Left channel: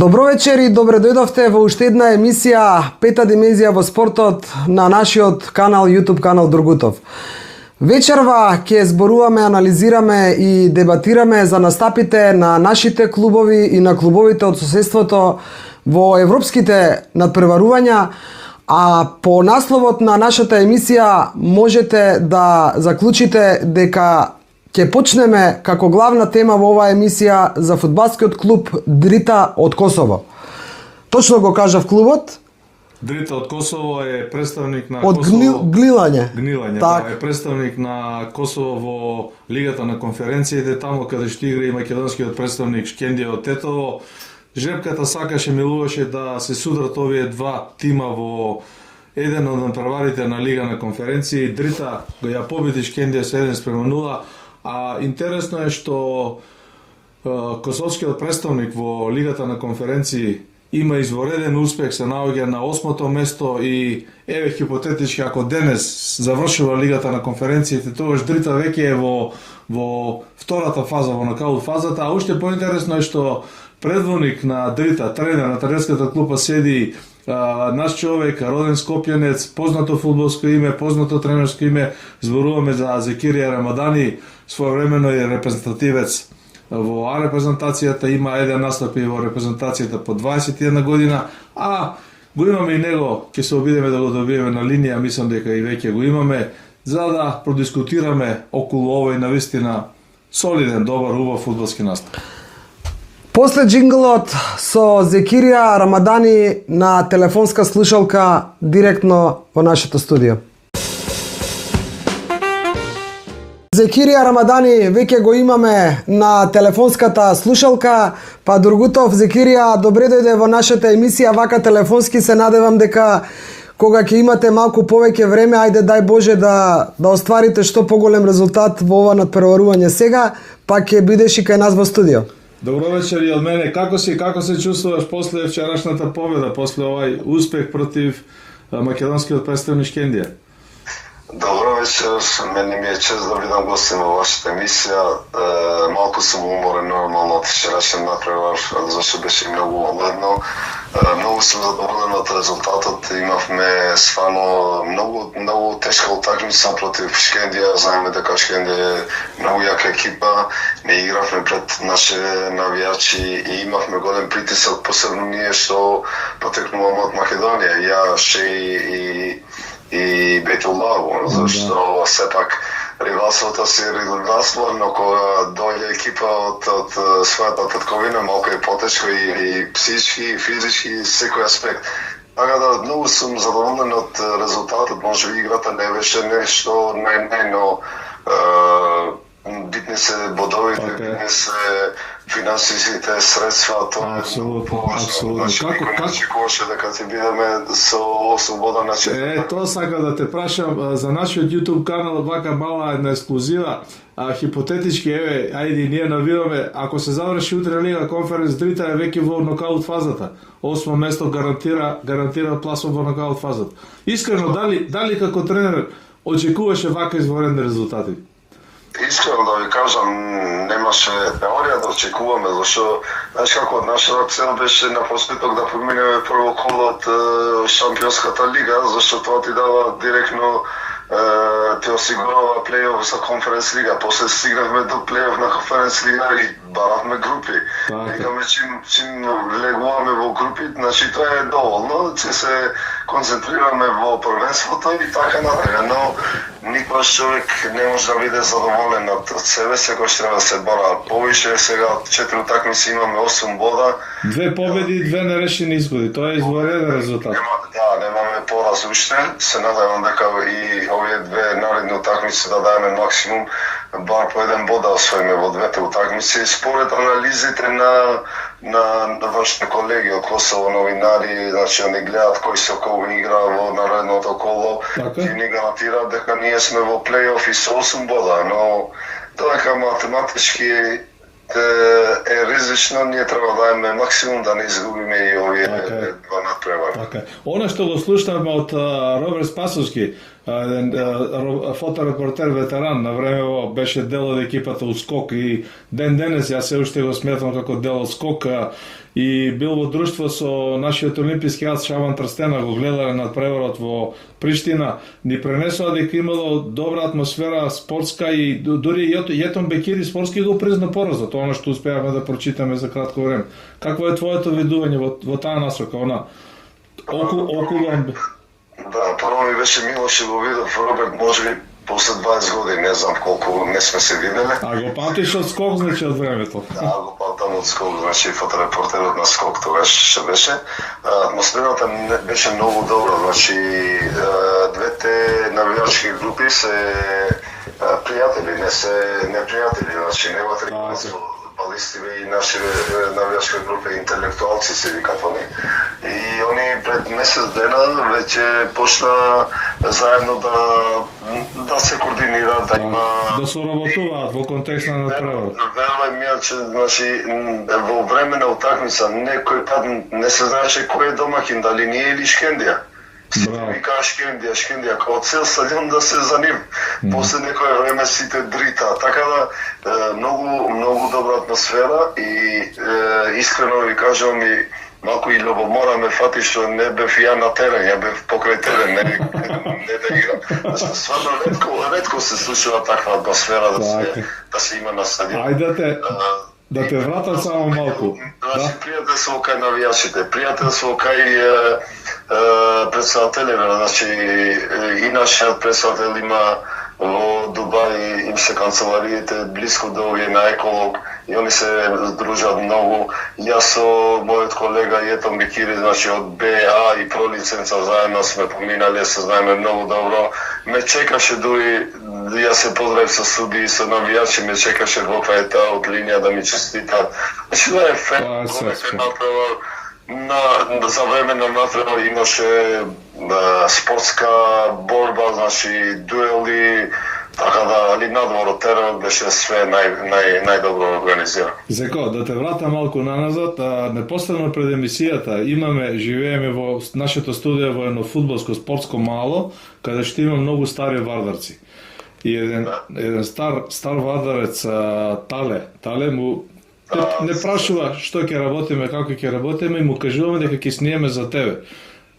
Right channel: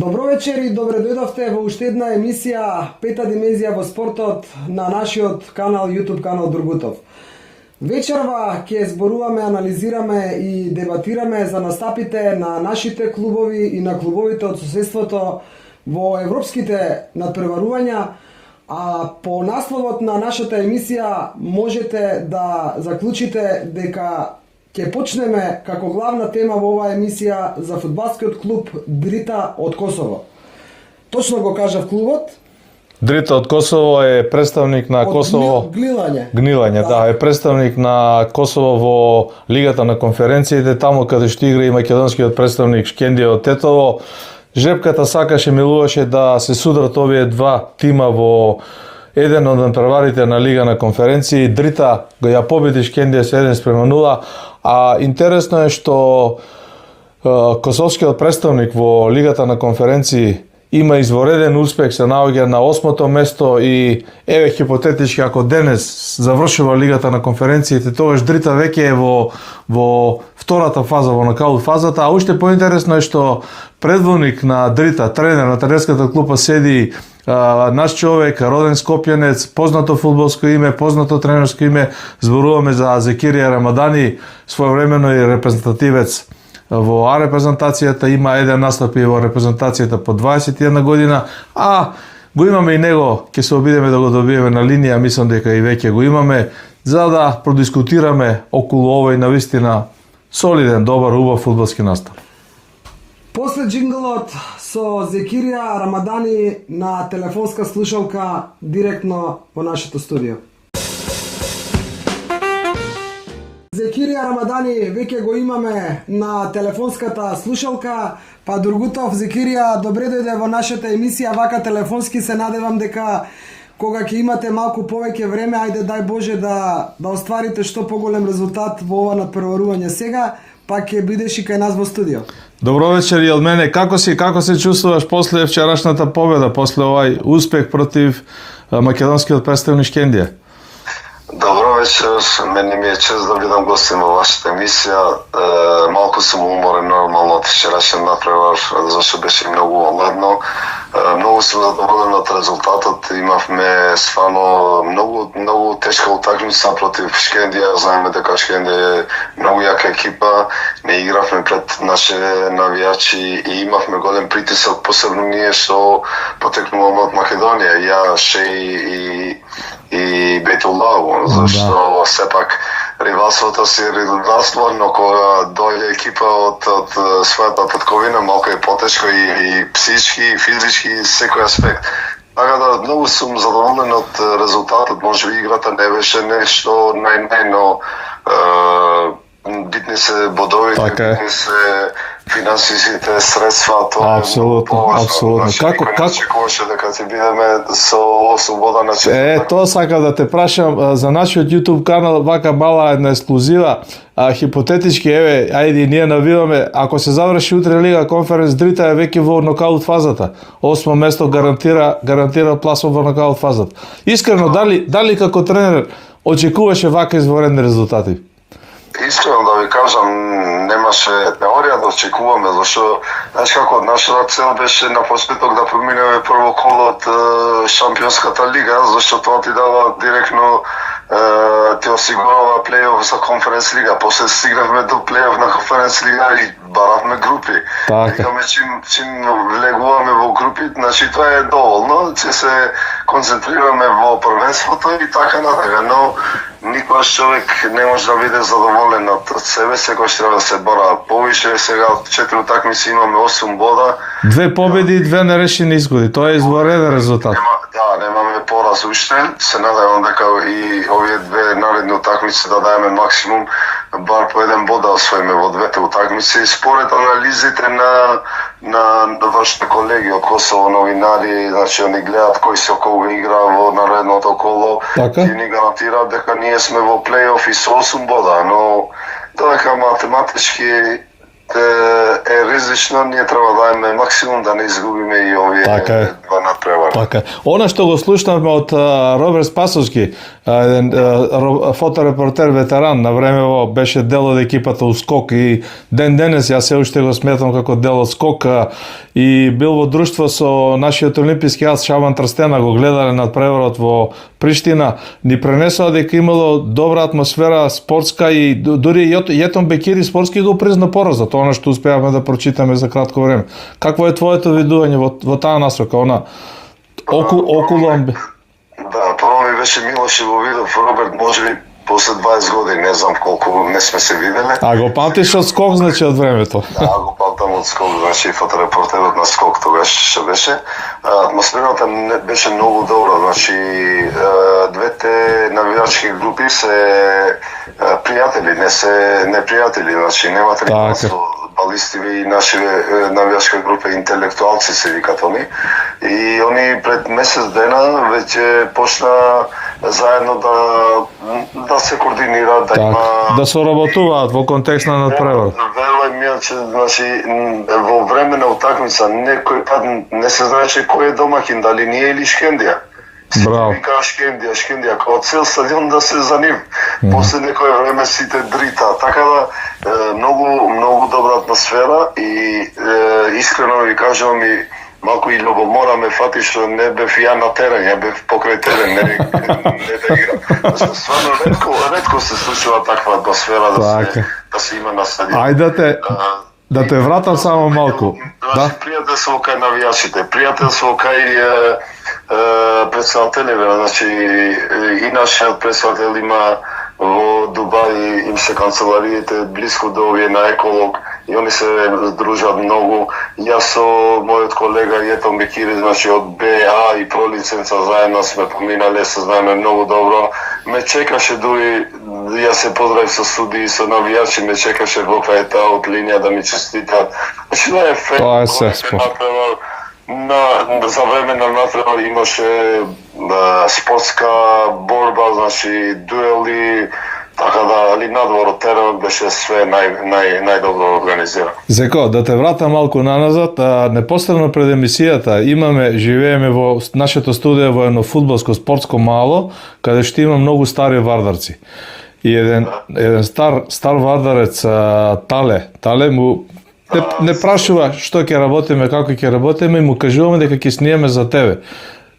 Добро вечер и добре дојдовте во уште една емисија Пета димензија во спортот на нашиот канал, YouTube канал Другутов. Вечерва ќе зборуваме, анализираме и дебатираме за настапите на нашите клубови и на клубовите од соседството во европските надпреварувања, а по насловот на нашата емисија можете да заклучите дека ќе почнеме како главна тема во оваа емисија за фудбалскиот клуб Дрита од Косово. Точно го кажав клубот. Дрита од Косово е представник на Косово. Гнилање, да, е представник на Косово во Лигата на конференциите, таму каде што игра и македонскиот представник Шкендија од Тетово. Жребката сакаше, милуваше да се судрат овие два тима во еден од надпреварите на Лига на конференции. Дрита го ја победи Шкендија со 1-0. А интересно е што косовскиот представник во Лигата на конференции има извореден успех, се наоѓа на 8-то место и еве хипотетички ако денес завршува Лигата на конференциите, тогаш Дрита веќе е во втората фаза, во нокаут фазата, а уште поинтересно е што предводник на Дрита, тренер на тренерската клупа седи наш човек, роден скопјанец, познато фудбалско име, познато тренерско име, зборуваме за Зекирија Рамадани, своевремено и репрезентативец во А репрезентацијата, има еден настап и во репрезентацијата по 21 година, а го имаме и него, ќе се обидеме да го добиеме на линија, мислам дека и веќе го имаме, за да продискутираме околу овој навистина солиден, добар, убав фудбалски настап. После джинглот со Зекирија Рамадани на телефонска слушалка директно во нашето студио. Зекирија Рамадани веќе го имаме на телефонската слушалка, па Другутов, Зекирија, добре дојде во нашата емисија, вака телефонски се надевам дека кога ќе имате малку повеќе време, ајде дај Боже да остварите што поголем резултат во ова надпреварување сега, па ќе бидеш и кај нас во студио. Добро вечер и од мене. Како се чувствуваш после вчерашната победа, после овај успех против македонскиот представник Шкендија? Добро вечер, мене ми е чест да бидам гостин во вашата емисија. Малку сум уморен нормално од вчерашен надпревар, зашто беше многу ладно. Многу сум задоволен од резултатот. Имавме стварно многу тешка утакмица против Шкендија. Знаеме дека Шкендија е многу јака екипа. Не игравме пред наши навијачи и имавме голем притисок, посебно ние што потекнуваме од Македонија. Ја, Шеј и Бейтуллах, зашто сепак ривалството си ривалство, но кога дојде екипа од својата татковина, малку е потешко и психички, и физички, и секој аспект. Така да, многу сум задоволен од резултатот, може би играта не беше нешто но битни се бодовите, битни се финансиските средства, тоа апсолутно. Како очекуваше дека ќе бидеме со 8 бода на четврта? Тоа сакам да те прашам за нашиот YouTube канал, вака мала една ексклузива, хипотетички, еве, ајде ние навиваме, ако се заврши утре Лига конференц, Дрита е веќе во нокаут фазата. 8 место гарантира пласот во нокаут фазата. Искрено, дали како тренер очекуваше вака изворедни резултати? Искрено да ви кажам, немаше теорија да очекуваме, зашто знаеш како нашата цел беше на почеток да поминеме прво коло од Шампионската лига, зашто тоа ти дава директно ти осигурава плейоф за конференц лига. После стигнавме до плейоф на конференц лига и баравме групи. Викаме чим влегуваме во групи, значи тоа е доволно, ќе се концентрираме во првенството и така натака, но никогаш човек не може да биде задоволен од себе, секогаш треба да се бора повише. Сега од 4 утакмици имаме 8 бода. 2 победи и 2 нерешени изгоди. Тоа е извореден резултат. Немаме пораз уште. Се надевам дека и овие 2 наредни утакмици да даеме максимум, бар по 1 бод да освоиме во 2 утакмици. Според анализите на вашите колеги од Косово, новинари, значи они гледаат кој се околу игра во наредното коло и ни гарантираат дека ние сме во плейоф и со 8 бода, но додека математички е ризично, ние треба да даеме максимум да не изгубиме и овие два надпревари. Така. Она што го слушнавме од Роберт Спасовски, еден фоторепортер ветеран, на времево беше дел од екипата у Скок и ден денес јас се уште го сметам како дел од Скок и бил во друштво со нашиот олимписки ас Шабан Трстена, го гледале над преворот во Приштина, ни пренесоа дека имало добра атмосфера спортска и дури Јетон Бекири спортски го призна поразот, она што успеавме да прочитаме за кратко време. Какво е твоето видување во таа насока, она околу Да, прво ми беше Милош и го видов Роберт, можеби после 20 години, не знам колку не сме се виделе. А го памтиш од Скок, значи, од времето? Да, го памтам од Скок, значи фоторепортерот на Скок тогаш што беше. Атмосферата беше многу добра, значи двете навијачки групи се пријатели, не се непријатели, значи нема треба балистиви и наши навијачка група интелектуалци се викат они. И они пред месец дена веќе почна заедно да се координираат, да има да соработуваат во контекст на надпревар. Верувај ми, че значи во време на утакмица некој пат не се знаеше кој е домаќин, дали ние или Шкендија. Браво. Вика Шкендија, како цел стадион да се за нив. После некој време сите дрита, така да многу добра атмосфера и искрено ви кажувам и малку и љубомора ме фати што не бев ја на терен, ја бев покрај терен, не да играм. Зашто стварно ретко се случува таква атмосфера да се има на стадион. Ајде да те вратам само малку. Да. Пријателство кај навијачите, пријателство кај председателите, значи и нашиот председател има во Дубај, им се канцелариите близко до овие на Еколог и они се дружат многу. Јас со мојот колега Јетон Бекири, значи од БА и про лиценца заедно сме поминале, се знаеме многу добро. Ме чекаше дури, јас се поздравив со судии, со навијачи, ме чекаше во крај таа од линија да ми честитат. Значи да е фер. Тоа е сеспо. За време на надпревар имаше спортска борба, значи дуели, така да, али надвор од теренот беше све најдобро организирано. Зеко, да те вратам малку наназад, непосредно пред емисијата живееме во нашето студио во едно фудбалско спортско мало, каде што има многу стари вардарци. И еден стар вардарец Тале му не прашува што ќе работиме, како ќе работиме и му кажуваме дека ќе снимаме за тебе.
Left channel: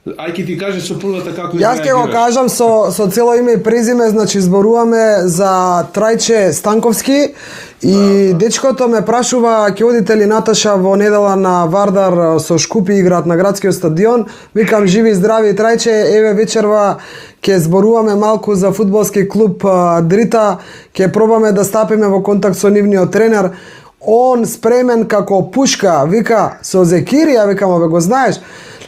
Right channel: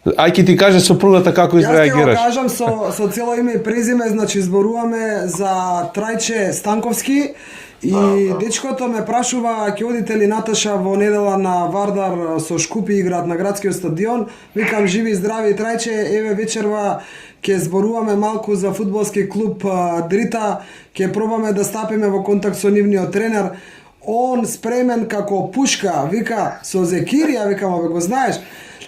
Ај ќе ти каже сопругата како изреагираш. Јас ќе го кажам со цело име и презиме, значи зборуваме за Трајче Станковски и дечкото ме прашува ќе одите ли Наташа во недела на Вардар со Шкупи играат на градскиот стадион. Викам живи здрави Трајче, еве вечерва ќе зборуваме малку за фудбалски клуб Дрита, ќе пробаме да стапиме во контакт со нивниот тренер. Он спремен како пушка, вика со Зекирија, викам, бе го знаеш,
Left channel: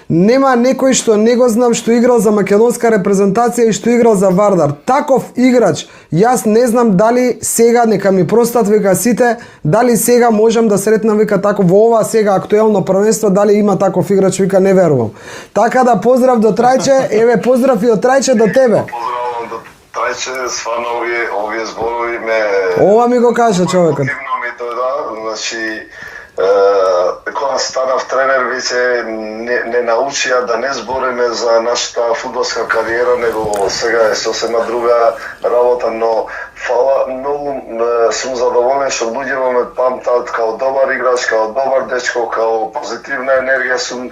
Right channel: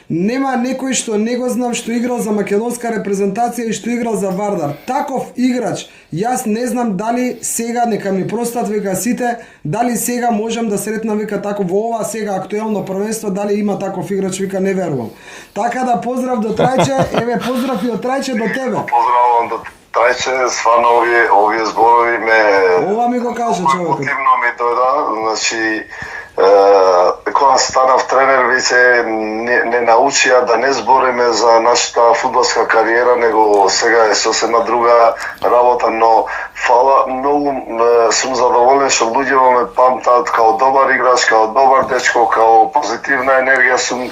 нема некој што не го знам што играл за македонска репрезентација и што играл за Вардар. Таков играч, јас не знам дали сега, нека ми простат, вика сите, дали сега можам да сретнам, вика тако во ова сега актуелно првенство, дали има таков играч, вика не верувам. Така да поздрав до Трајче, еве поздрав и од Трајче до тебе. Поздравувам до Трајче, стварно овие зборови ме... Ова ми го кажа човекот. Мотивно ми дојда, значи кога станав тренер, веќе не научија да не збориме за нашата фудбалска кариера, него сега е сосема друга работа, но фала многу сум задоволен што луѓето ме памтат као добар играч, као добар дечко, као позитивна енергија сум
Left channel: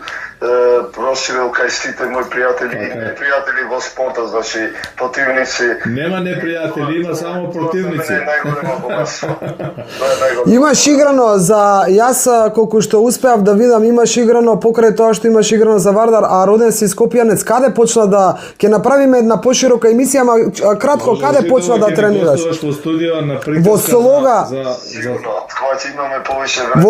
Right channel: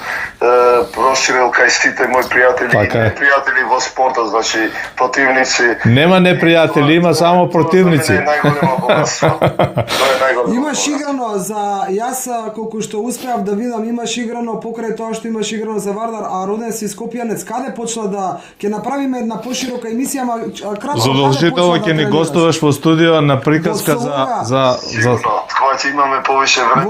проширил кај сите мои пријатели, непријатели во спортот, значи противници. Нема непријатели, има само противници. Имаш играно за јас колку што успеав да видам, имаш играно покрај тоа што имаш играно за Вардар, а роден си Скопјанец, каде почна да ќе направиме една поширока емисија, ама кратко каде почна да тренираш? Задолжително ќе ни гостуваш во студио на приказка за Тоа ќе имаме повеќе време.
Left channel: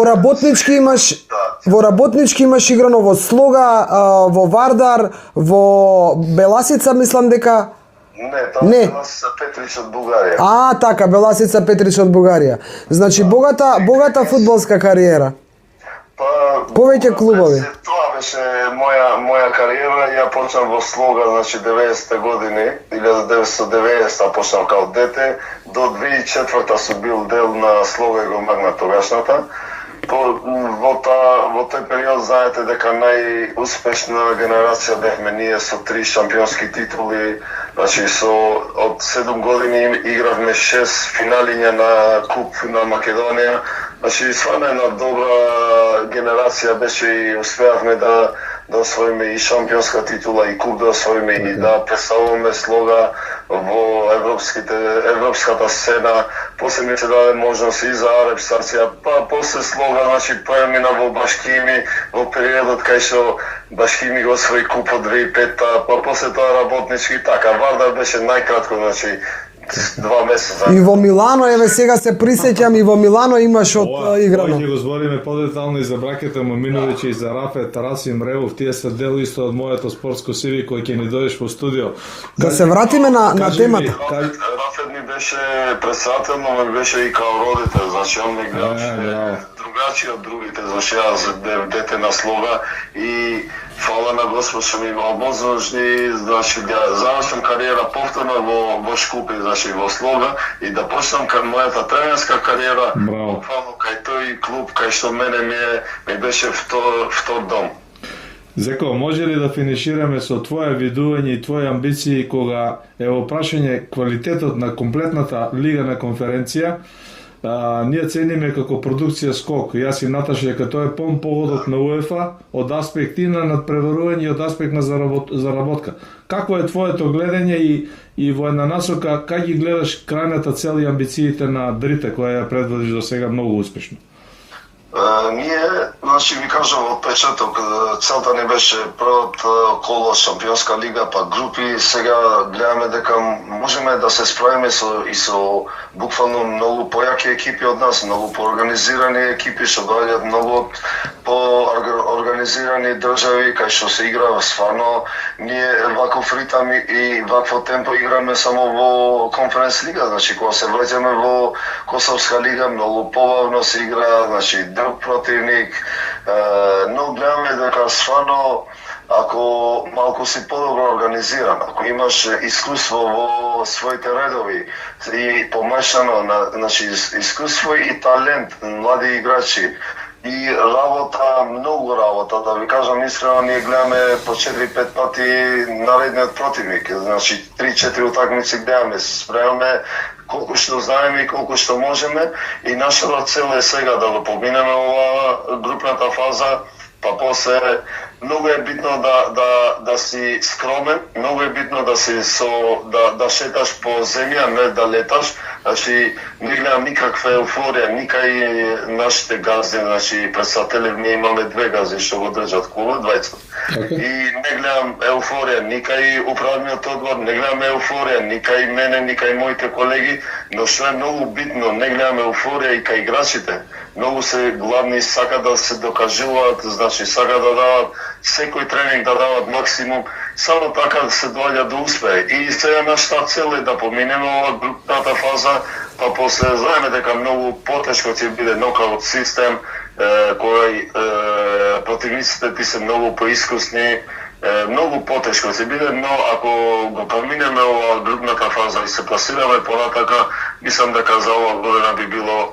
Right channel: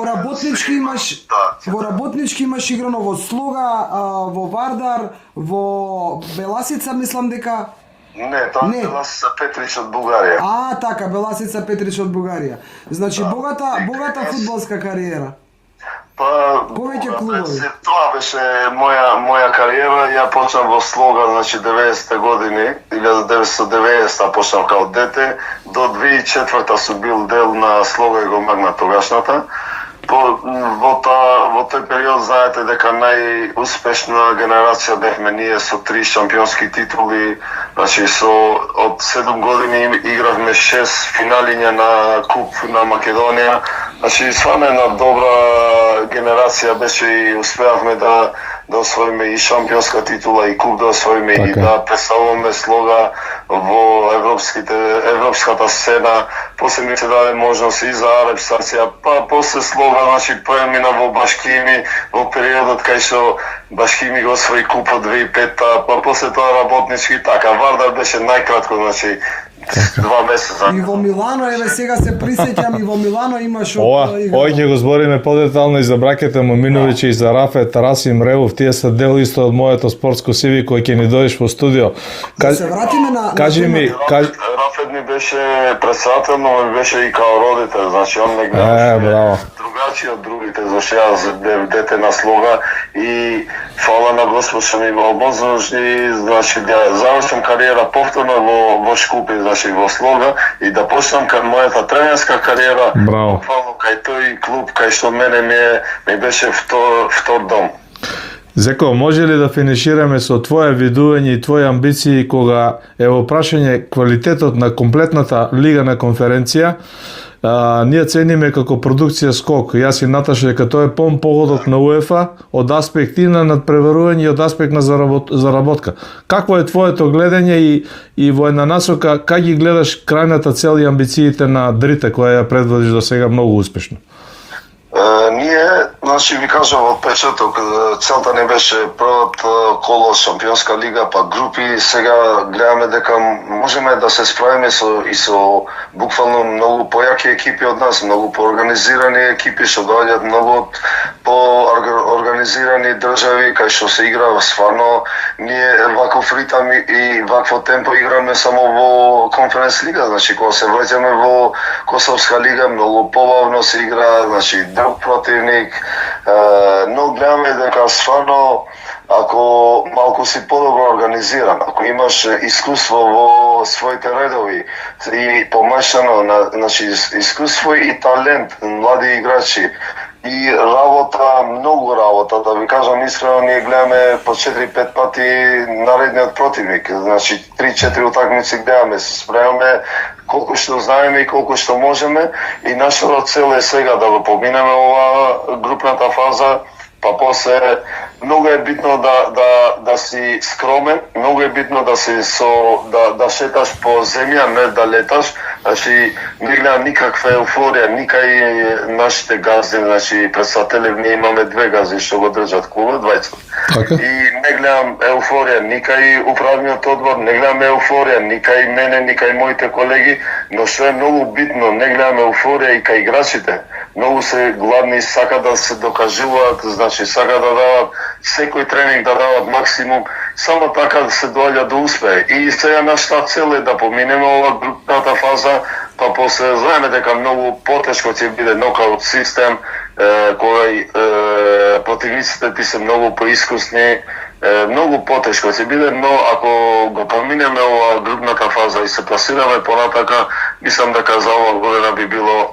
Во Работнички имаш играно во Слога, во Вардар, во Беласица, мислам дека Не, тоа е Беласица Петрич од Бугарија. Така, Беласица Петрич од Бугарија. Значи богата фудбалска кариера. Повеќе клубови. Тоа беше моја кариера. Ја почнав во Слога, значи 90-те години, 1990 почнав као дете, до 2004 сум бил дел на Слога и го магна тогашната. Во тој период знаете дека најуспешна генерација бевме ние со 3 шампионски титули, значи од 7 години игравме 6 финалиња на Куп на Македонија. Значи стварно една добра генерација беше и успеавме да освоиме и шампионска титула и куп да освоиме и да представуваме Слога во европската сцена. После ми се даде можност и за Араб стација, па после Слога, значи премина во Башкими во периодот кај што Башкими го освои купот 2005-та, па после тоа работнички, така Вардар беше најкратко, значи 2 месеца. И во Милано, еве сега се присеќам, и во Милано имаш игра. Ќе го збориме подетално и за бракете Моминовиќи и за Рафет, Расим Ревов, тие се дел исто од моето спортско CV кој ќе ни дојдеш во студио. Да се вратиме на темата. Рафет ми беше председател, но ми беше и као родител, значи он не гледаше другачи од другите, зашто јас дете на Слога и фала на Господ што ми го обозначи, значи да завршам кариера повторно во Шкупи, значи во Слога и да почнам кај мојата тренерска кариера, буквално кај тој клуб кај што мене ми беше втор дом. Зеко, може ли да финишираме со твое видување и твои амбиции кога е во прашање квалитетот на комплетната лига на конференција? Ние цениме како продукција Скок. Јас и Наташа дека тоа е полн погодок на УЕФА од аспект и на надпреварување и од аспект на заработка. Какво е твоето гледање и во една насока как ги гледаш крајната цел и амбициите на Дрите која ја предводиш до сега многу успешно? Ние, значи ви кажам од печеток, целта не беше првото коло Шампионска лига, па групи, сега гледаме дека можеме да се справиме со буквално многу појаки екипи од нас, многу поорганизирани екипи што доаѓаат многу поорганизирани држави кај што се игра стварно. Ние ваков ритам и вакво темпо играме само во Конференц лига, значи кога се враќаме во Косовска лига многу побавно се игра, значи друг противник, но гледаме дека стварно ако малку си подобро организиран, ако имаш искуство во своите редови и помешано, значи искуство и талент, млади играчи и работа, многу работа, да ви кажам искрено, ние гледаме по 4-5 пати наредниот противник, значи 3-4 утакмици гледаме, се спремаме колку што знаеме и колку што можеме и нашата цел е сега да го поминеме ова групната фаза, па после многу е битно да си скромен, многу е битно да си да шеташ по земја, не да леташ. Значи не гледам никаква еуфорија, никај нашите газди, значи председатели, ние имаме 2 газди што го држат клубот, двајца. И не гледам еуфорија, никај управниот одбор, не гледам еуфорија, никај мене, никај моите колеги, но што е многу битно, не гледам еуфорија и кај играчите. Многу се гладни, сака да се докажуваат, значи сака да дават секој тренинг да дават максимум, само така да се доаѓа до успех. И сега нашата цел е да поминеме ова групната фаза, па после знаеме дека многу потешко ќе биде нокаут систем, кој противниците ти се многу поискусни, многу потешко ќе биде, но ако го поминеме ова групната фаза и се пласираме понатака, мислам дека за ова година би било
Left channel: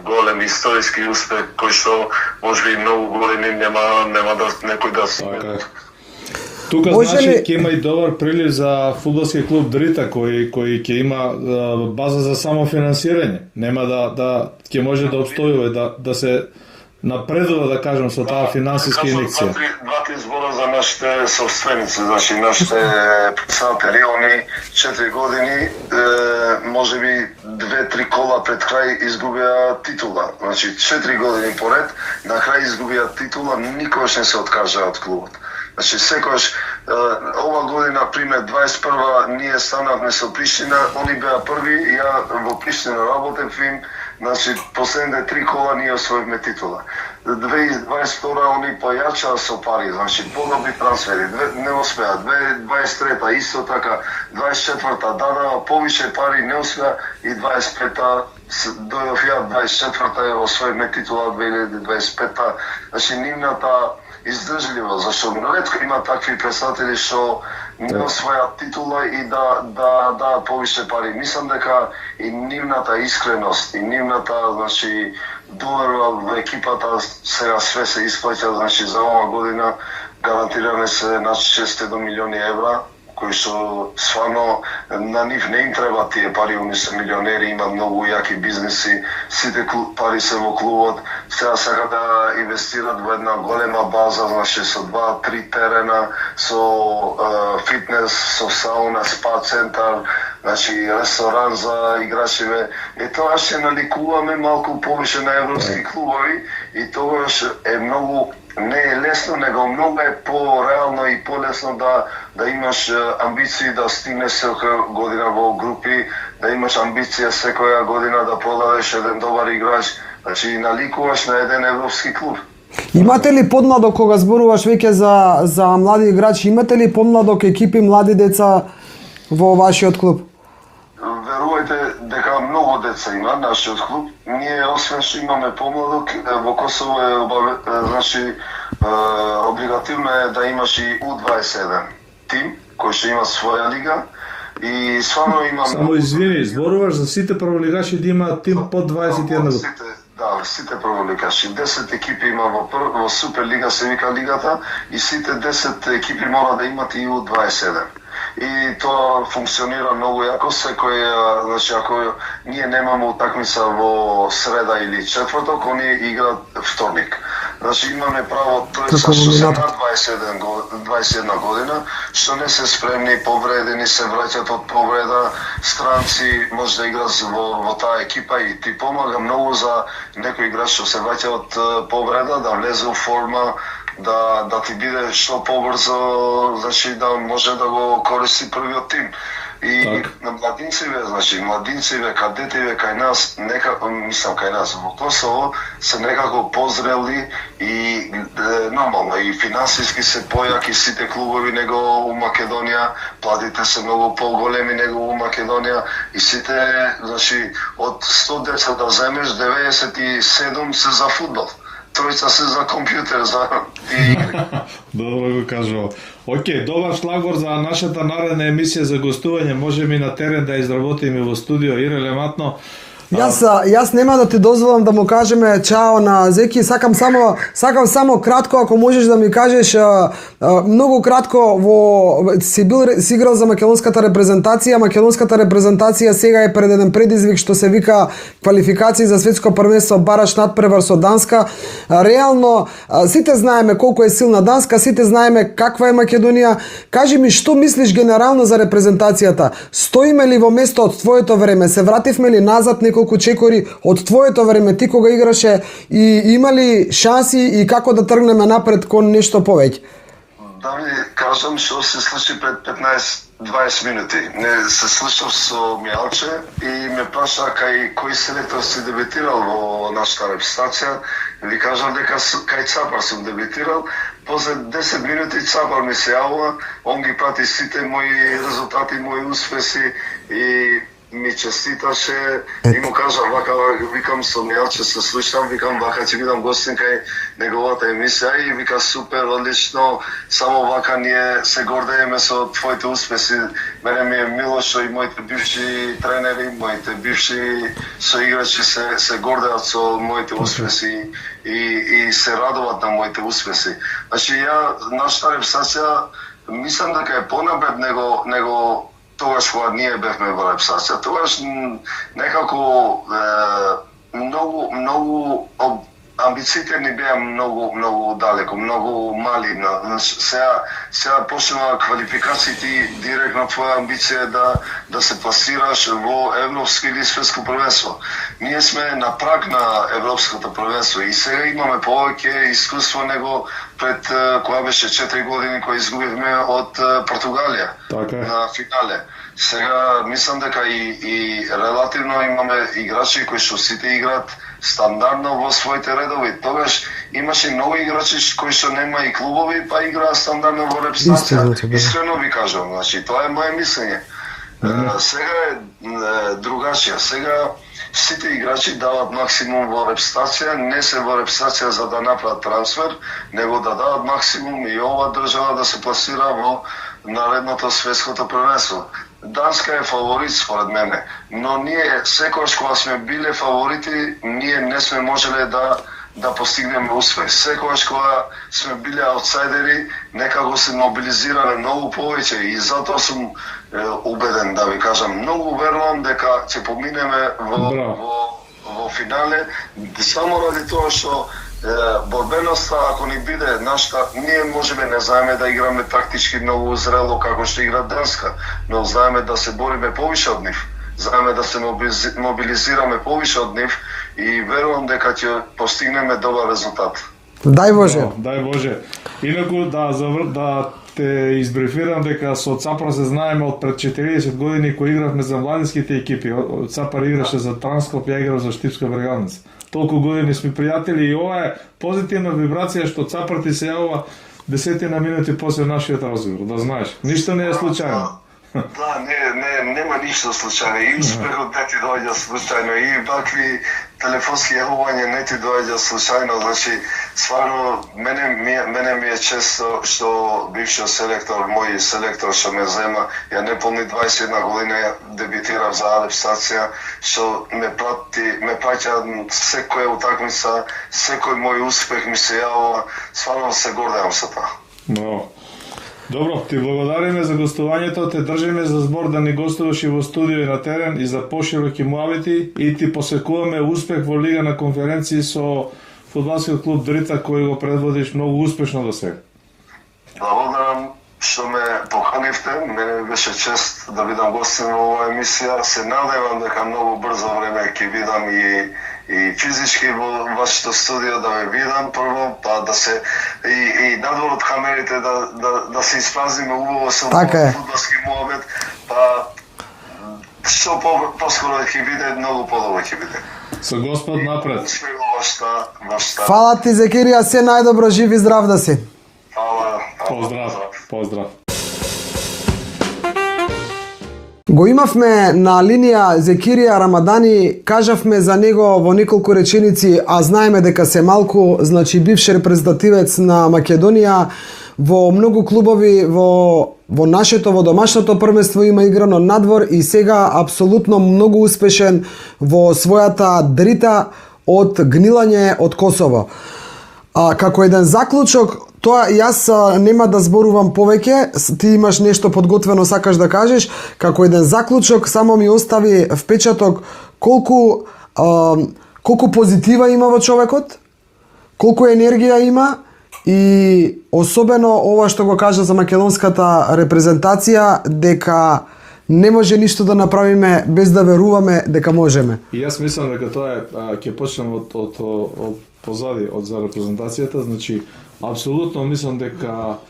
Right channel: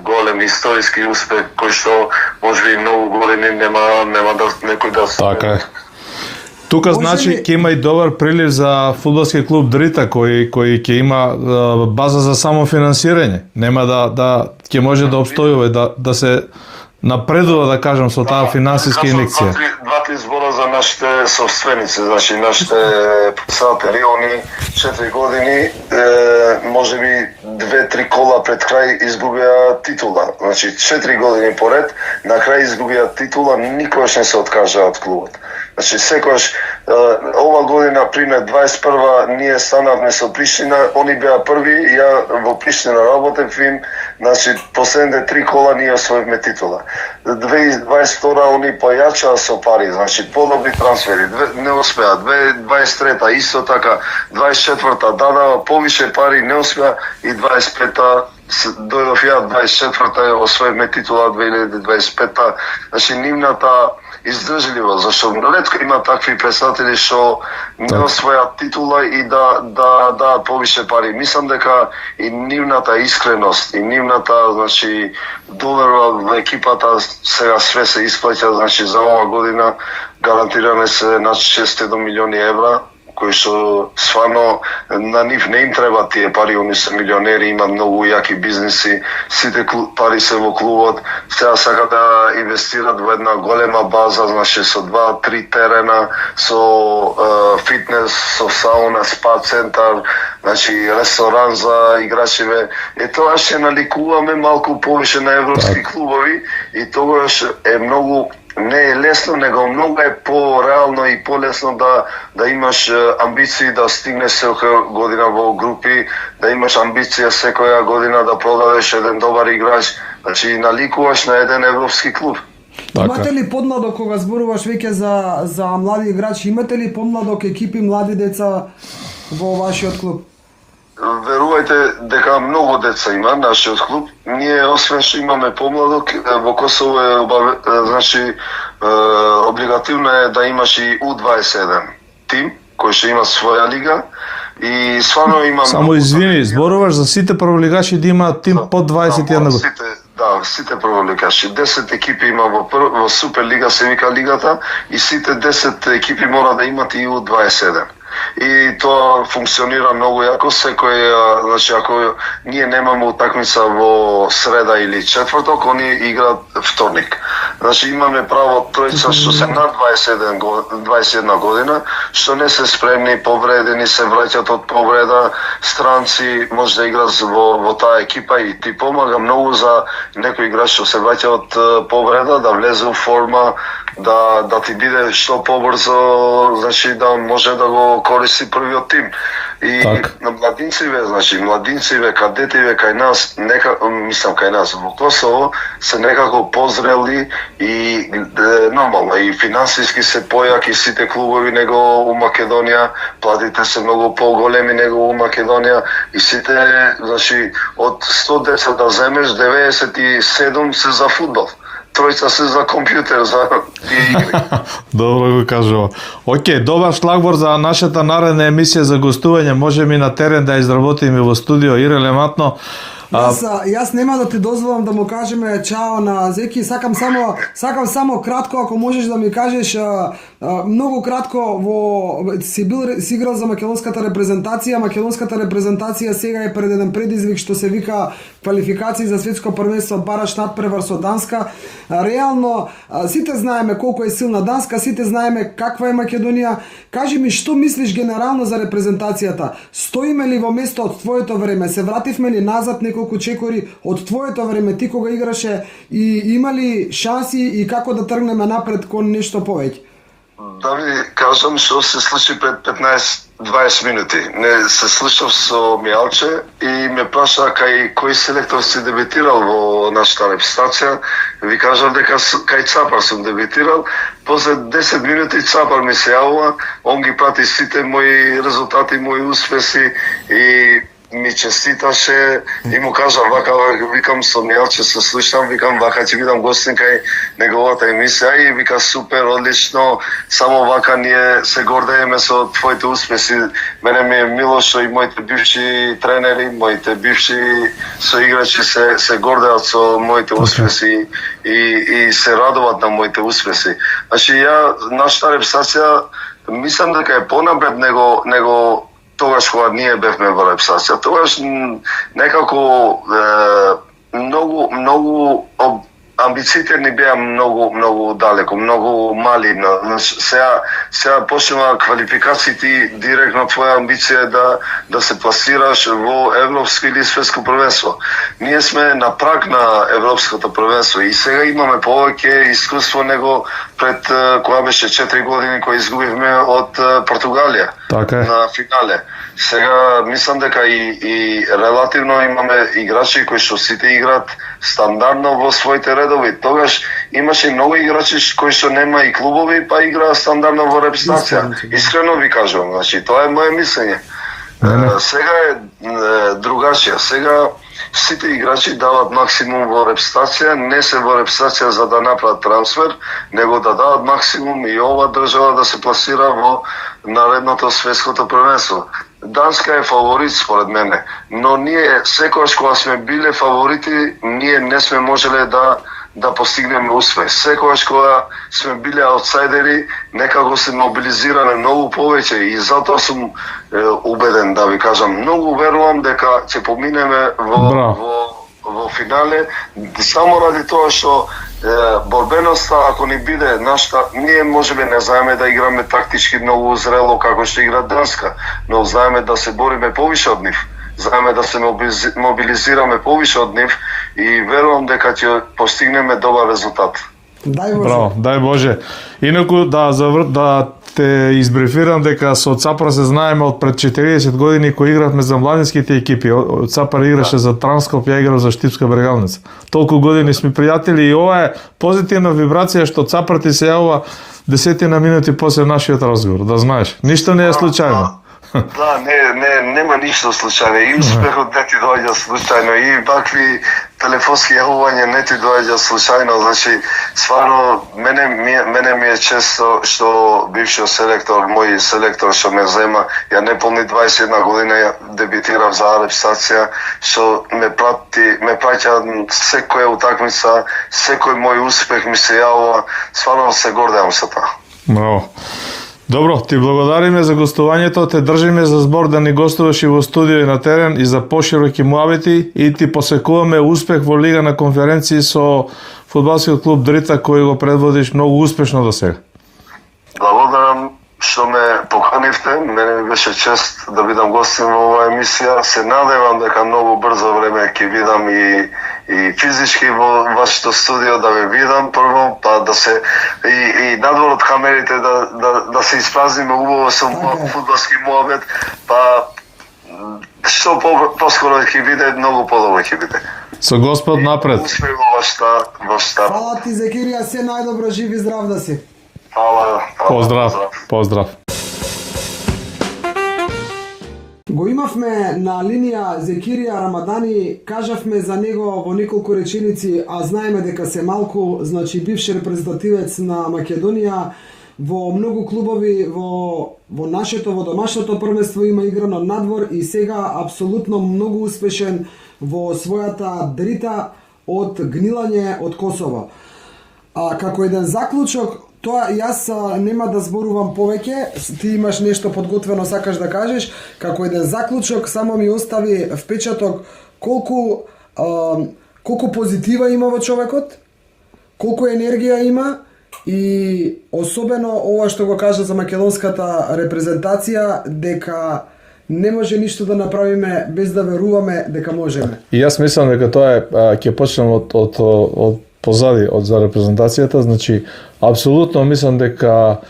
голем историски успех кој што можеби многу години нема да некој да се. Така е. Тука значи ќе има и добар прилив за фудбалски клуб Дрита кој ќе има база за самофинансирање. Нема да ќе може да обстојува да се напредува, да кажам, со таа финансиска инекција. Два збора за нашите собственици, значи нашите председатели, они 4 години, можеби 2-3 кола пред крај изгубија титула. Значи 4 години поред, на крај изгубија титула, никогаш не се откажа од клубот. Значи секогаш ова година, пример 21 ние станавме со Приштина, они беа први, ја во Приштина работев им, значи последните 3 кола ние освоивме титула. 2022 они појачаа со пари, значи подобри трансфери, не успеа. 2023 исто така, 24 дадава повише пари, не успеа и 25 дојдов ја, 24 освоивме титула 2025. Значи нивната издржливо, зашто ретко има такви представители што не освојат титула и да повише пари. Мислам дека и нивната искреност и нивната, значи, доверба во екипата сега све се исплаќа, значи за ова година гарантиране се на 600 милиони евра, кои што стварно на нив не им треба тие пари, они се милионери, имаат многу јаки бизнеси, сите пари се во клубот, сега сакат да инвестират во една голема база, значи со 2-3 терена, со фитнес, со сауна, спа центар, значи ресторан за играчиве. Тоа ќе наликуваме малку повише на европски клубови и тогаш е многу не е лесно, него многу е по-реално и по-лесно да имаш амбиции да стигнеш секоја година во групи, да имаш амбиција секоја година да продадеш еден добар играч, значи наликуваш на еден европски клуб. Имате ли подмладок кога зборуваш веќе за млади играчи, имате ли подмладок екипи млади деца во вашиот клуб? Верувајте дека многу деца има нашиот клуб. Ние освен што имаме помладок, во Косово е значи облигативно е да имаш и U21 тим кој што има своја лига и стварно има Само извини, зборуваш за сите прволигачи да имаат тим под 21 години. Сите прволигачи. 10 екипи има во Суперлига, се вика лигата, и сите 10 екипи мора да имат и U27. И тоа функционира многу јако. Секој, значи, ако ние немаме утакмица во среда или четврток, они играат вторник. Значи имаме право тројца што се над 21 година, што не се спремни, повредени, се враќаат од повреда, странци може да играат во таа екипа и ти помага многу за некој играч што се враќа од повреда да влезе у форма, да ти биде што побрзо, значи да може да го користи првиот тим. И на младинциве, кадетиве кај нас, кај нас во Косово се некако позрели и нормално и финансиски се појаки сите клубови него у Македонија, платите се многу поголеми него у Македонија и сите, значи од 100 деца да земеш 97 се за фудбал. Тројца се за компјутер, за игри. Добро го кажува. Океј, добар шлагвор за нашата наредна емисија за гостување. Можеме и на терен да изработиме во студио ирелевантно. Јас нема да ти дозволам да му кажеме чао на Зеки, сакам само кратко, ако можеш да ми кажеш многу кратко, си играл за македонската репрезентација. Македонската репрезентација сега е пред еден предизвик што се вика квалификации за светско првенство, бараш надпревар со Данска. Реално сите знаеме колку е силна Данска, сите знаеме каква е Македонија. Кажи ми што мислиш генерално за репрезентацијата? Стоиме ли во место од твоето време? Се вративме ли назад неколку чекори од твоето време, ти кога играше, и има ли шанси и како да тргнеме напред кон нешто повеќе? Да ви кажам што се случи пред 15-20 минути. Не се слушав со Мијалче и ме праша кој селектор си дебитирал во нашата репрезентација. Ви кажам дека кај Цапар сум дебитирал. После 10 минути Цапар ми се јавува, он ги прати сите мои резултати, мои успеси и ми честиташе и му кажам вака, викам со Мијалче се слушам, викам вака ќе бидам гостин кај неговата емисија и вика супер, одлично, само вака ние се гордееме со твоите успеси. Мене ми е мило што и моите бивши тренери, моите бивши соиграчи се гордеат со моите успеси и се радуват на моите успеси. Значи нашата репрезентација мислам дека е понапред него тогаш кога ние бевме во репрезентација. Тогаш некако многу амбициите ни беа многу далеко, многу мали. Сега почнува квалификациите, директно твоја амбиција е да се пласираш во европско или светско првенство. Ние сме на праг на европското првенство и сега имаме повеќе искуство него пред кога беше 4 години кои изгубивме од Португалија на финале. Сега мислам дека и релативно имаме играчи кои што сите играат стандардно во своите редови. Тогаш имаше многу играчи кои што нема и клубови, па играат стандардно во репрезентација. Искрено ви кажувам, значи тоа е моје мислење. Сега е другачија. Сега сите играчи дават максимум во репстација, не се во репстација за да направат трансфер, него да дават максимум и ова држава да се пласира во наредното светското првенство. Данска е фаворит според мене, но ние секогаш кога сме биле фаворити, ние не сме можеле да постигнеме успех. Секогаш кога сме биле аутсайдери, некако се мобилизираме многу повеќе и затоа сум убеден, да ви кажам, многу верувам дека ќе поминеме во финале, само ради тоа што борбеноста, ако ни биде нашата, ние можеме не знаеме да играме тактички многу зрело како што игра Данска, но знаеме да се бориме повише од нив, знаеме да се мобилизираме повише од нив и верувам дека ќе постигнеме добар резултат. Дај Боже. Браво, дај Боже. Инаку да те избрифирам дека со Цапар се знаеме од пред 40 години кои игравме за младинските екипи. Цапар играше за Транскоп, ја играв за Штипска Бергалница. Толку години сме пријатели и ова е позитивна вибрација што Цапар ти се јавува 10 минути после нашиот разговор, да знаеш. Ништо не е случајно. Да, нема ништо случајно. И успехот не ти доаѓа случајно, и вакви телефонски јавувања не ти доаѓа случајно. Значи, стварно, мене ми е чест што бившиот селектор, мој селектор што ме зема, ја не полни 21 година, ја дебитирав за репстација, што ме праќа секоја утакмица, секој мој успех ми се јавува. Стварно се гордеам со тоа. Браво. Добро, ти благодариме за гостувањето, те држиме за збор да ни гостуваш и во студио и на терен и за пошироки муабити и ти посекуваме успех во Лига на конференции со фудбалскиот клуб Дрита кој го предводиш многу успешно до сега. Благодарам што ме поканивте, мене ми беше чест да бидам гостин во оваа емисија. Се надевам дека многу брзо време ќе видам и физички во вашето студио да ве видам прво, па да се и надвор од камерите да се испразниме убаво со фудбалски муабет, па што поскоро ќе биде, многу подобро ќе биде. Со Господ напред. Успех во вашата. Фала ти, Зекирија, се најдобро, жив и здрав да си. Фала. Поздрав. Го имавме на линија Зекирија Рамадани, кажавме за него во неколку реченици, а знаеме дека се малку, значи бивш репрезентативец на Македонија, во многу клубови во нашето, во домашното првенство има играно надвор и сега апсолутно многу успешен во својата Дрита од гнилање од Косово. Како еден заклучок, тоа јас нема да зборувам повеќе, ти имаш нешто подготвено сакаш да кажеш, како еден заклучок само ми остави впечаток колку позитива има во човекот, колку енергија има и особено ова што го кажа за македонската репрезентација, дека не може ништо да направиме без да веруваме дека можеме. И јас мислам дека тоа е, ќе почнем од позади од за репрезентацијата, значи апсолутно мислам дека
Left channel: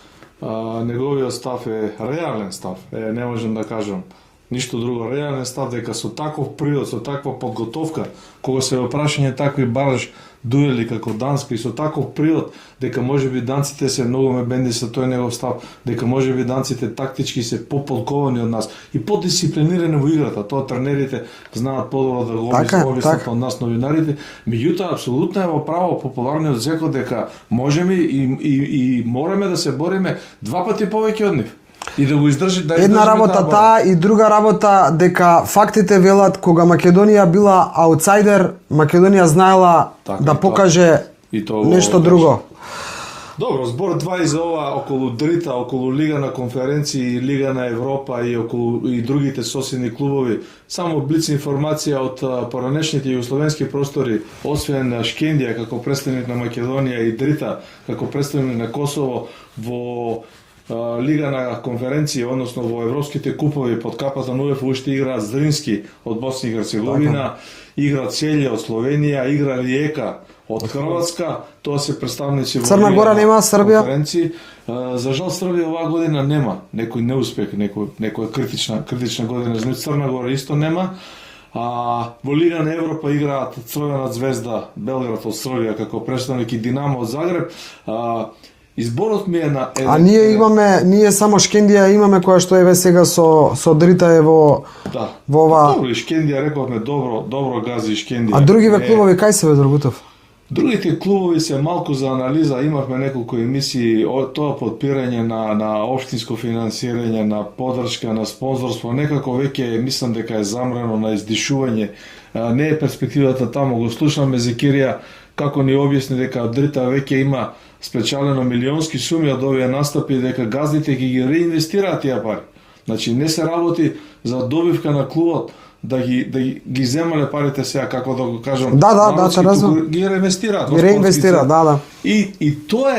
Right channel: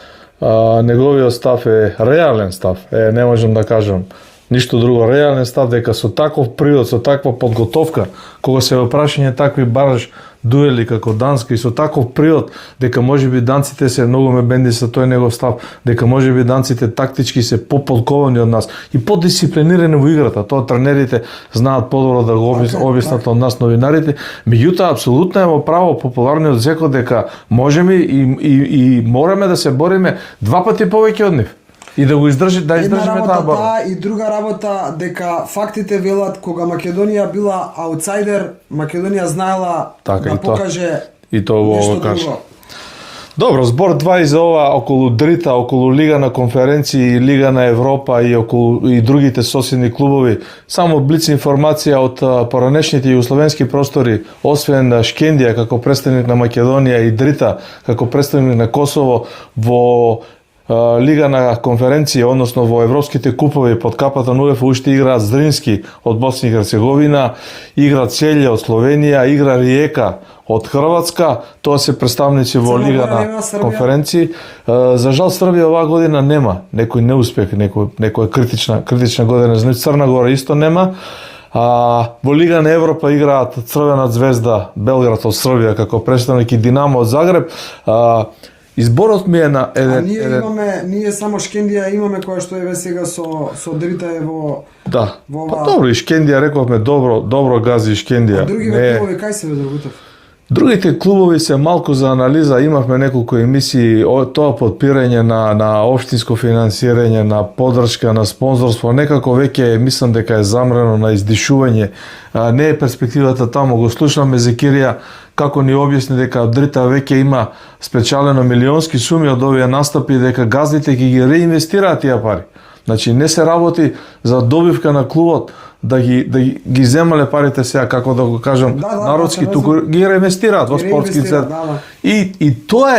неговиот став е реален став. Не можам да кажам ништо друго, реален став дека со таков природ, со таква подготовка, кога се во прашање такви бараш дуели како Данска и со таков природ, дека можеби данците се многу ме бенди со тој негов став, дека можеби данците тактички се поподковани од нас и подисциплинирани во играта. Тоа тренерите знаат подобро да го објаснат од нас новинарите. Меѓутоа апсолутно е во право популарниот Зеко дека можеме и мораме да се бориме два пати повеќе од нив. И да го издржи, да една работа таа и друга работа дека фактите велат кога Македонија била аутсайдер, Македонија знаела да покаже нешто друго. Добро, збор 2 и за ова околу Дрита, околу Лига на конференции, Лига на Европа и околу и другите соседни клубови. Само блиц информација од поранешните југословенски простори, освен Шкендија како претставник на Македонија и Дрита како претставник на Косово во Лига на конференција, односно во европските купови под капата на УЕФА уште игра Здрински од Босна и Херцеговина, игра Целје од Словенија, игра Риека од Хрватска, тоа се представници во Лига на конференција. За жал Србија оваа година нема некој неуспех, некоја критична година, значи Црна Гора исто нема. Во Лига на Европа играат Црвена звезда Белград од Србија како претставник и Динамо од Загреб. Изборот ми е на ние само Шкендија имаме која што еве сега со Дрита е во да. Во ова. Добро, и Шкендија рековме добро гази Шкендија. А другиве клубови кај се бе, Драгутов? Другите клубови се малку за анализа, имавме неколку емисии, тоа подпирање на општинско финансирање, на поддршка, на спонзорство, некако веќе мислам дека е замрено на издишување. Не е перспективата таму, го слушаме Зекирија како ни објасни дека Дрита веќе има спечалено милионски суми од овие настапи, дека газдите ги реинвестираат тие пари. Значи не се работи за добивка на клубот, да ги земале парите сега, како да го кажам, народски, туку ги реинвестираат во спортски цел. И тоа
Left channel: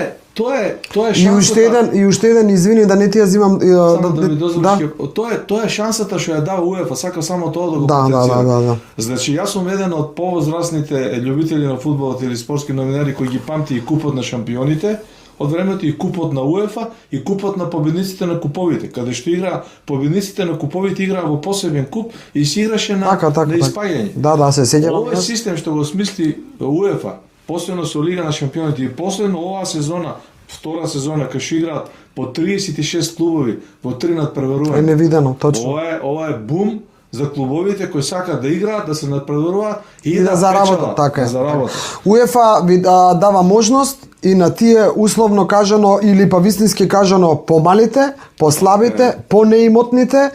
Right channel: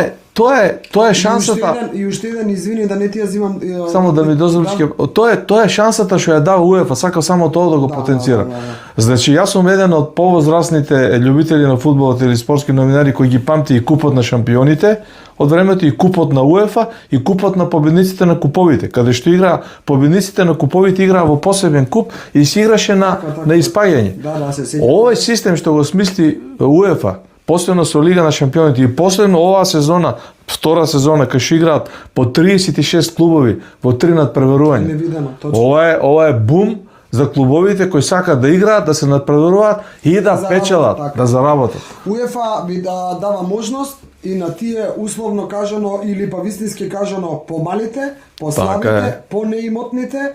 е шансата. И уште еден, извини да не ти ја земам, само да ми дозволиш, тоа е шансата што ја дава УЕФА, сакам само тоа да го потенцира. Значи јас сум еден од повозрастните љубители на фудбалот или спортски новинари кои ги памти и купот на шампионите од времето, и купот на УЕФА, и купот на победниците на куповите, каде што игра победниците на куповите играа во посебен куп и се играше на испаѓање. Да, се сеќавам. Овој систем што го смисли УЕФА, последно со Лига на шампионите и последно оваа сезона, втора сезона, кај што играат по 36 клубови во 3 надпреварувања. Е невидено, точно. Ова е бум за клубовите кои сакаат да играат, да се надпреваруваат и да печелат, да заработат. УЕФА ви дава можност и на тие условно кажано или па вистински кажано помалите, послабите, понеимотните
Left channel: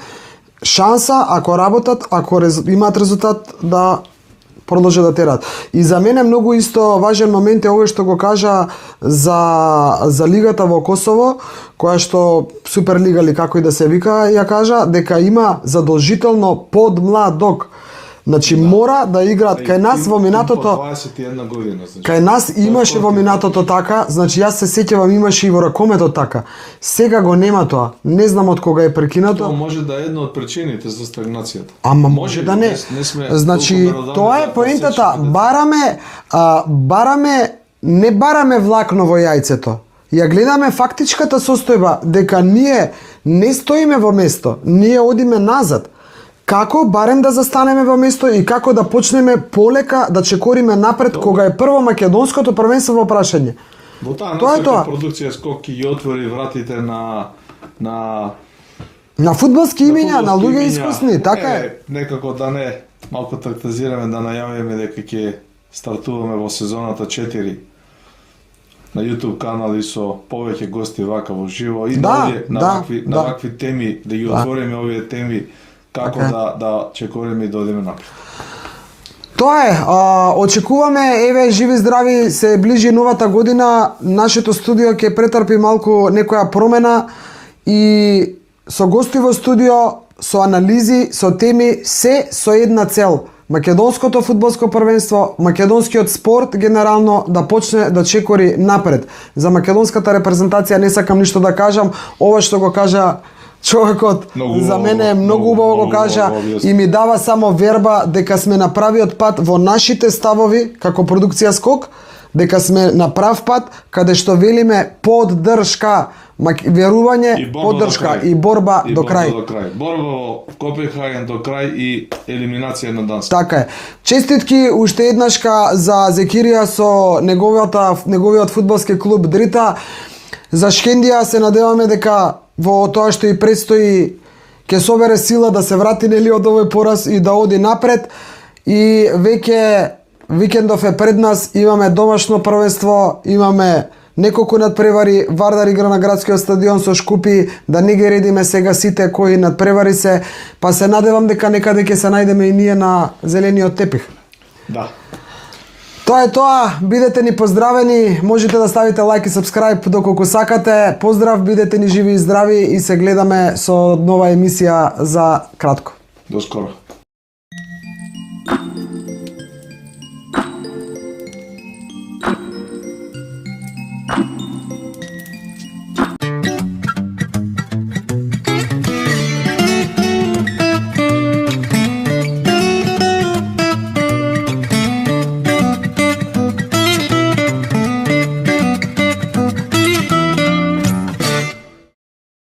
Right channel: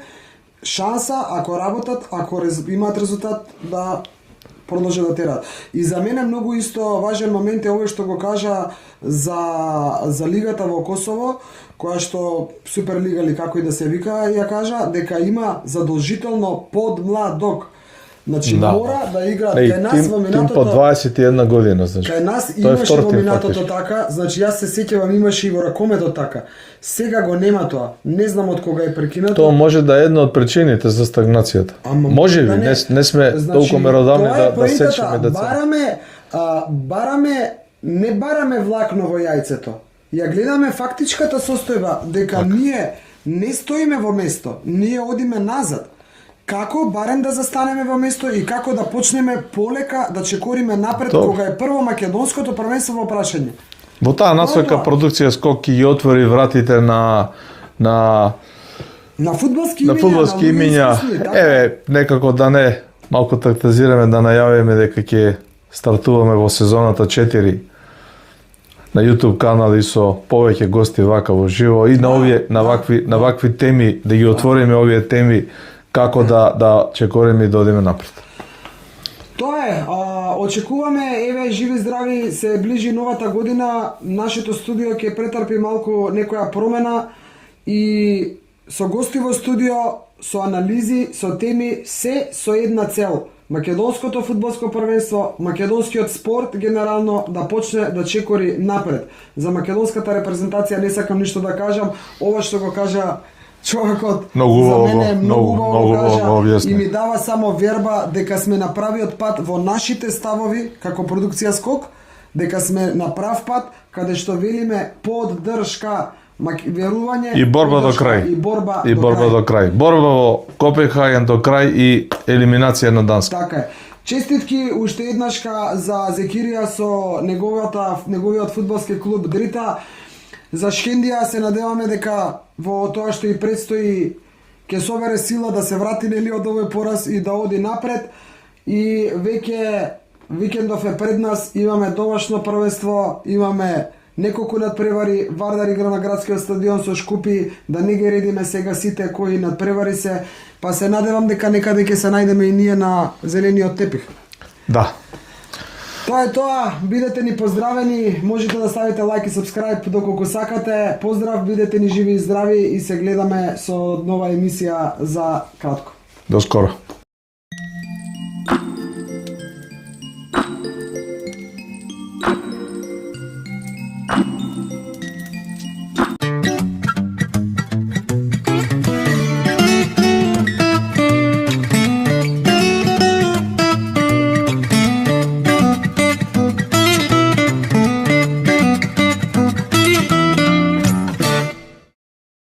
шанса ако работат, ако имаат резултат да продолжат да терат. И за мене многу исто важен момент е овој што го кажа за лигата во Косово, која што Суперлига или како и да се вика, ја кажа дека има задолжително подмладок. Значи мора да играат кај нас во минатото по 21 година, значи. Кај нас имаше во минатото така, значи јас се сеќавам имаше и во ракомето така. Сега го нема тоа. Не знам од кога е прекинато. Тоа може да е една од причините за стагнацијата. Може да не сме толку меродавни тоа е поентата. Не бараме влакно во јајцето. Ја гледаме фактичката состојба дека ние не стоиме во место, ние одиме назад. Како барем да застанеме во место и како да почнеме полека да чекориме напред кога е прво македонското првенство во прашање. Во таа насока продукција Скок ги отвори вратите на фудбалски имиња, на луѓе искусни, така е. Некако да не малку тактизираме, да најавиме дека ќе стартуваме во сезоната 4 на YouTube канали со повеќе гости вака во живо и на вакви теми, да ги отвориме овие теми, како да чекориме и да одиме напред. Тоа е, очекуваме, еве живи здрави, се ближи новата година, нашето студио ќе претрпи малку некоја промена и со гости во студио, со анализи, со теми, се со една цел. Македонското фудбалско првенство, македонскиот спорт генерално да почне да чекори напред. За македонската репрезентација не сакам ништо да кажам, ова што го кажа човекот за мене е многу убаво го кажа и ми дава само верба дека сме на правиот пат во нашите ставови како продукција Скок, дека сме на прав пат каде што велиме поддршка, верување, поддршка и борба до крај. Борба во Копенхаген до крај и елиминација на Данска. Така е. Честитки уште еднашка за Зекирија со неговиот фудбалски клуб Дрита. За Шкендија се надеваме дека во тоа што и предстои ќе собере сила да се врати нели од овој пораз и да оди напред. И веќе викендов е пред нас, имаме домашно првенство, имаме неколку надпревари, Вардар игра на градскиот стадион со Шкупи, да не ги редиме сега сите кои надпревари се, па се надевам дека некаде ќе се најдеме и ние на зелениот тепих. Да. Тоа е тоа, бидете ни поздравени, можете да ставите лайк и сабскрајб доколку сакате. Поздрав, бидете ни живи и здрави и се гледаме со нова емисија за кратко. До скоро.